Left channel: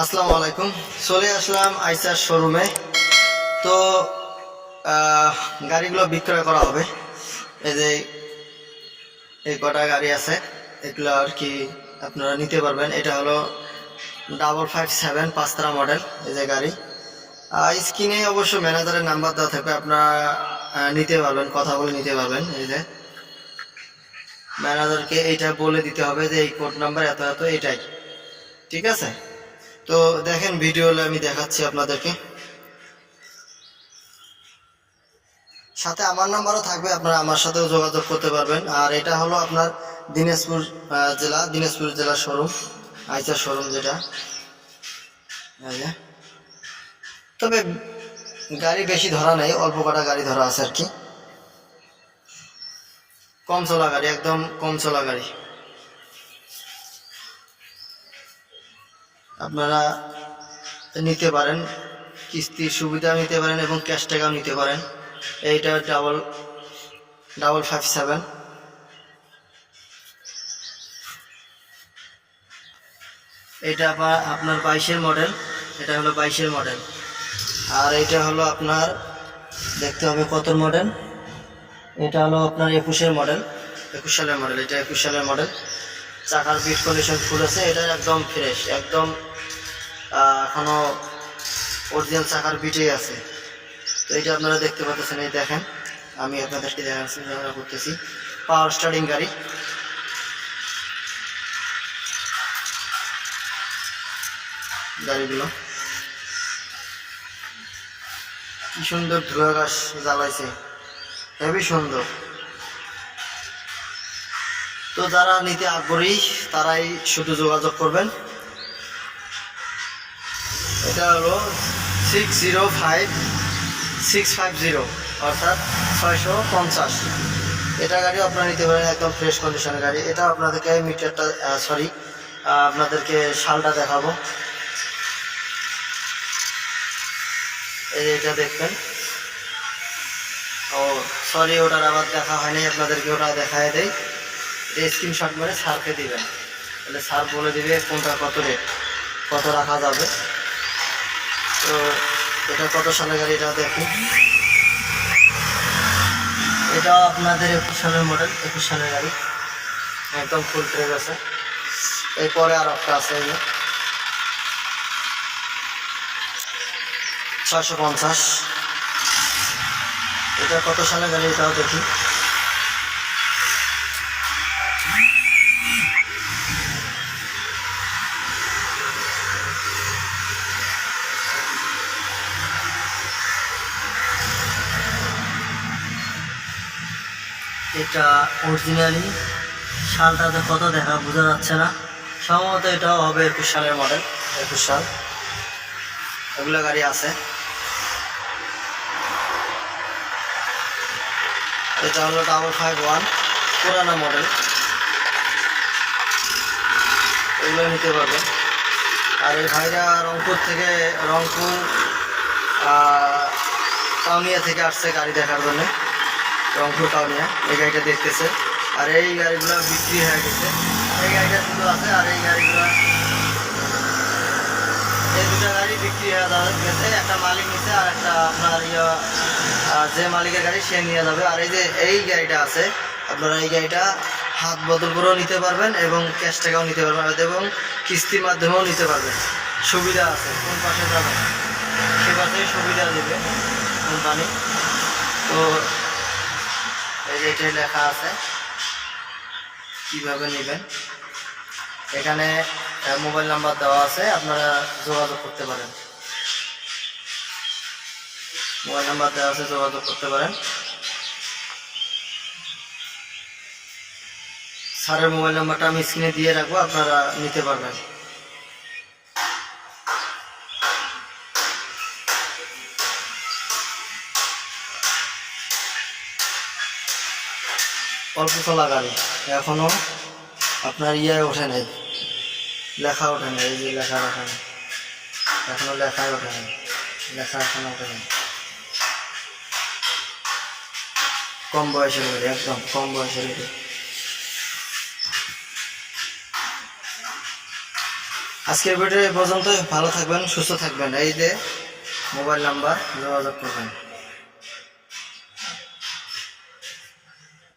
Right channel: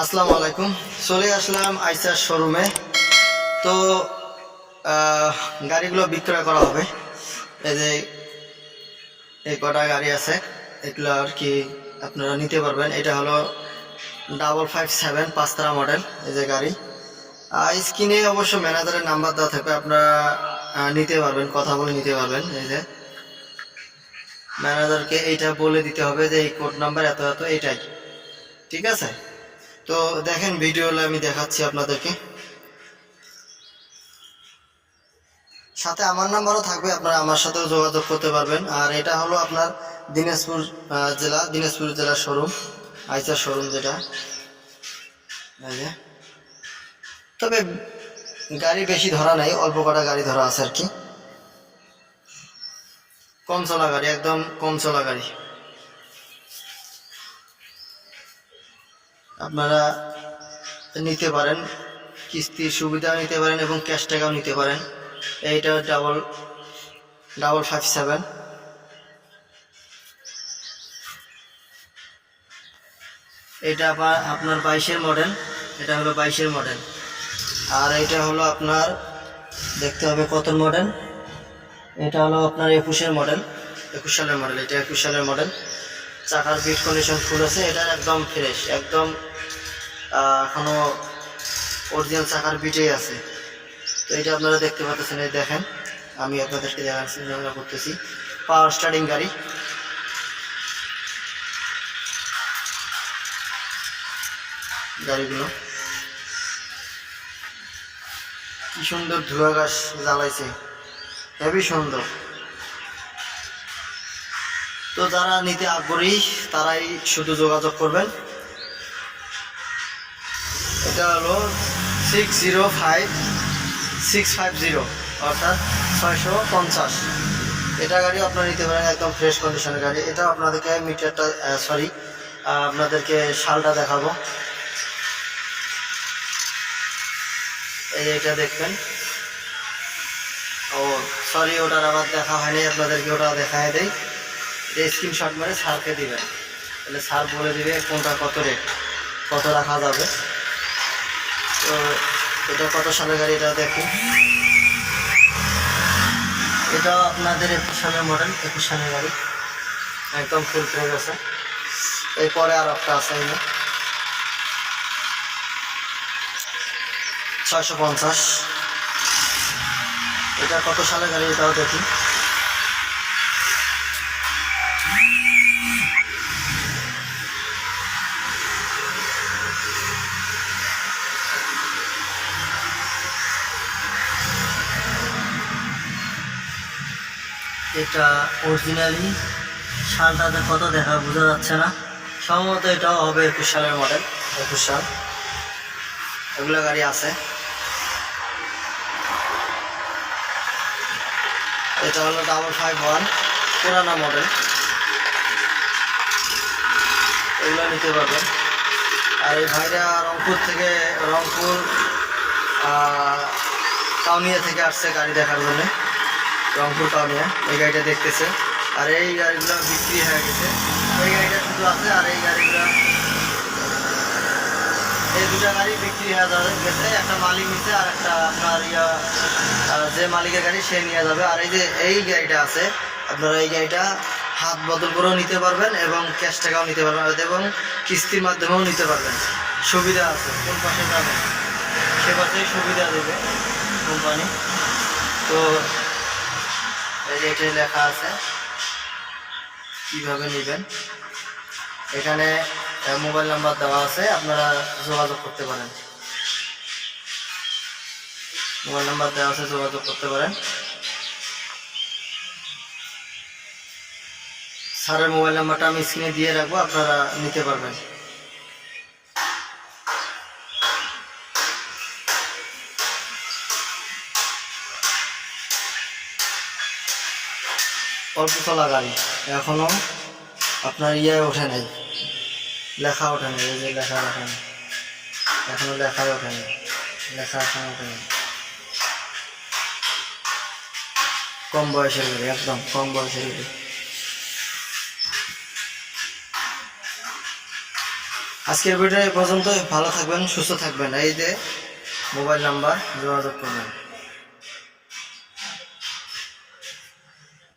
আসসালামু আলাইকুম। চলে আসলাম আইসার শোরুমে। তো গাড়িগুলো বিক্রয় করা হবে। এই যে এই কটা গাড়ি আছে, এগুলো আর কি আপনারা নিতে পারবেন। এটা হলো 557 পাঁচতারা মডেল। এই যে গাড়ি স্ক্রিনে অবশ্য ম্যানেজারের নাম্বার দেওয়া থাকবে, আপনারা নিতে পারবেন, কথা বলে নিতে পারবেন। এই যে ম্যানেজারকে এইটা বলে দিতে হবে যে এই কোড নাম্বার এত এত, এইটাই ঠিক আছে। তো দেখেন ভিডিও আমি দেখাচ্ছি আপনাদেরকে, সাথে আমার নাম্বারও থাকবে, আপনারা আমার সাথেও যোগাযোগ করতে পারবেন। আর এটা হলো আপনার দিনাজপুর জেলার শোরুম, আইসার শোরুম যেটা। তবে গাড়ি বেশি ধরা নেই, অল্প কটা গাড়ি ধরা আছে আর কি। কম চলা গাড়ি, একদম কম চলা গাড়ি। আপনারা নিতে পারেন, কিস্তির সুবিধাও নিতে পারেন এবং ক্যাশ টাকাও নিতে পারেন। এইটা 557। এটা আপনার 22-এর মডেল। এটা হলো 22-এর মডেল। আর এটা হলো আপনার, দেখতে হবে কত মডেল। এটা হলো আপনার 21-এর মডেল, 21 সালের মডেল। এটা 21 সালের মডেল। চাকার বিট কন্ডিশন ফুল আছে, এটা একদম ফ্রেশ, একদম এখনও অরিজিনাল চাকার বিটেই আছে। তো এটা আপনারা দেখতে পাচ্ছেন, এই দেখেন, আমি আপনাদেরকে দেখাচ্ছি, আমরা করতেছি পাওয়ার স্টার্টিং গাড়ি। গাড়িগুলো কি সুন্দর ধোঁয়া গাছ জ্বালাইছে, হেবি সুন্দর। তো যারা নিতে আগ্রহী তারাই শুধু যোগাযোগ করবেন। এটা হলো 605650, অর্থাৎ 650। এটা গাড়িও আপনারা নিতে পারেন, একদম ফ্রেশ কন্ডিশনের গাড়ি। এটা আপনাদেরকে মিটারটা আপনাদেরকে শালটা দেখাবো। এই যে এটা দেখবেন। ও সরি, ওটার আবার দেখা হয়নি, আপনাদেরকে ওটা দেখায় দেয়। এটা স্ক্রিনশট মেরে স্যারকে দিবেন, তাহলে স্যার বলে দিবে কোনটা কত রেট, কত রাখা যাবে। তো এটা কত সালের গাড়ি এটা দেখুন। এটা আপনাদের 21 সালের মডেল, 21 সালের গাড়ি, একদম ফুল ফ্রেশ আছে। এরপরে আর একটা আছে, এই যে 650। এটা কত সালের গাড়ি এটাও দেখি। এটা অরিজিনালি সালটাতে কত দেখা বোঝা যাচ্ছে না, সম্ভবত এটাও হবে 21 সালের মডেল, 21 সাল। এগুলো গাড়ি আছে। এটা হলো 551, পুরানো মডেল। এগুলো নিতে পারবেন। আর এই ভাইরা রংপুর কাউনিয়া থেকে আসছে গাড়ি দেখার জন্য, রংপুর কাউনিয়া। এই গাড়িটা দেখতেছে। আর এই গাড়িগুলো বিক্রি হয়ে গেছে, এই গাড়িটা শুধু আছে। আর এই গাড়িগুলো, এই দুটা গাড়ি বিক্রি হয়ে গেছে। একটা মালিক নিচ্ছে, আর একটা আপনার যে মালিকের গাড়ি সে নিয়ে যাবে। আর এই যে এই গাড়িটা আছে, আপনারা এই গাড়িটা হাত বদল করেও নিতে পারবেন এবং ক্যাশ টাকাও নিতে পারবেন এবং কিস্তির মাধ্যমেও নিতে পারবেন। সুবিধা আছে, কোন পাশে যাবেন সে পাশেই সুবিধা দেবে কোম্পানি। তো এই যে এটাই লেখা আছে কিভাবে নেবেন। এখানে মোবাইল নাম্বার দেওয়া আছে, আপনারা যোগাযোগ করতে পারেন। মোবাইল নাম্বার দেওয়া আছে, যোগাযোগ করতে পারেন। স্যারের মোবাইল নাম্বারটা আমি স্ক্রিনে দিয়ে রাখবো, আপনারা নিতে পারবেন। অল্প চলা গাড়ি, এখনও আপনার ওঠে নাই, লেখা ওঠে নাই। এই যে লেখা ওঠে নাই, এখনও লেখাই ওঠে নাই, লেখা এখনও ওঠে নাই। কম বয়সের গাড়ি, একদম কম বয়সের গাড়ি। আজকের ভিডিও এই পর্যন্ত। ভালো থাকবেন, সুস্থ থাকবেন। এই যে মোবাইল নাম্বার, যোগাযোগ করবেন।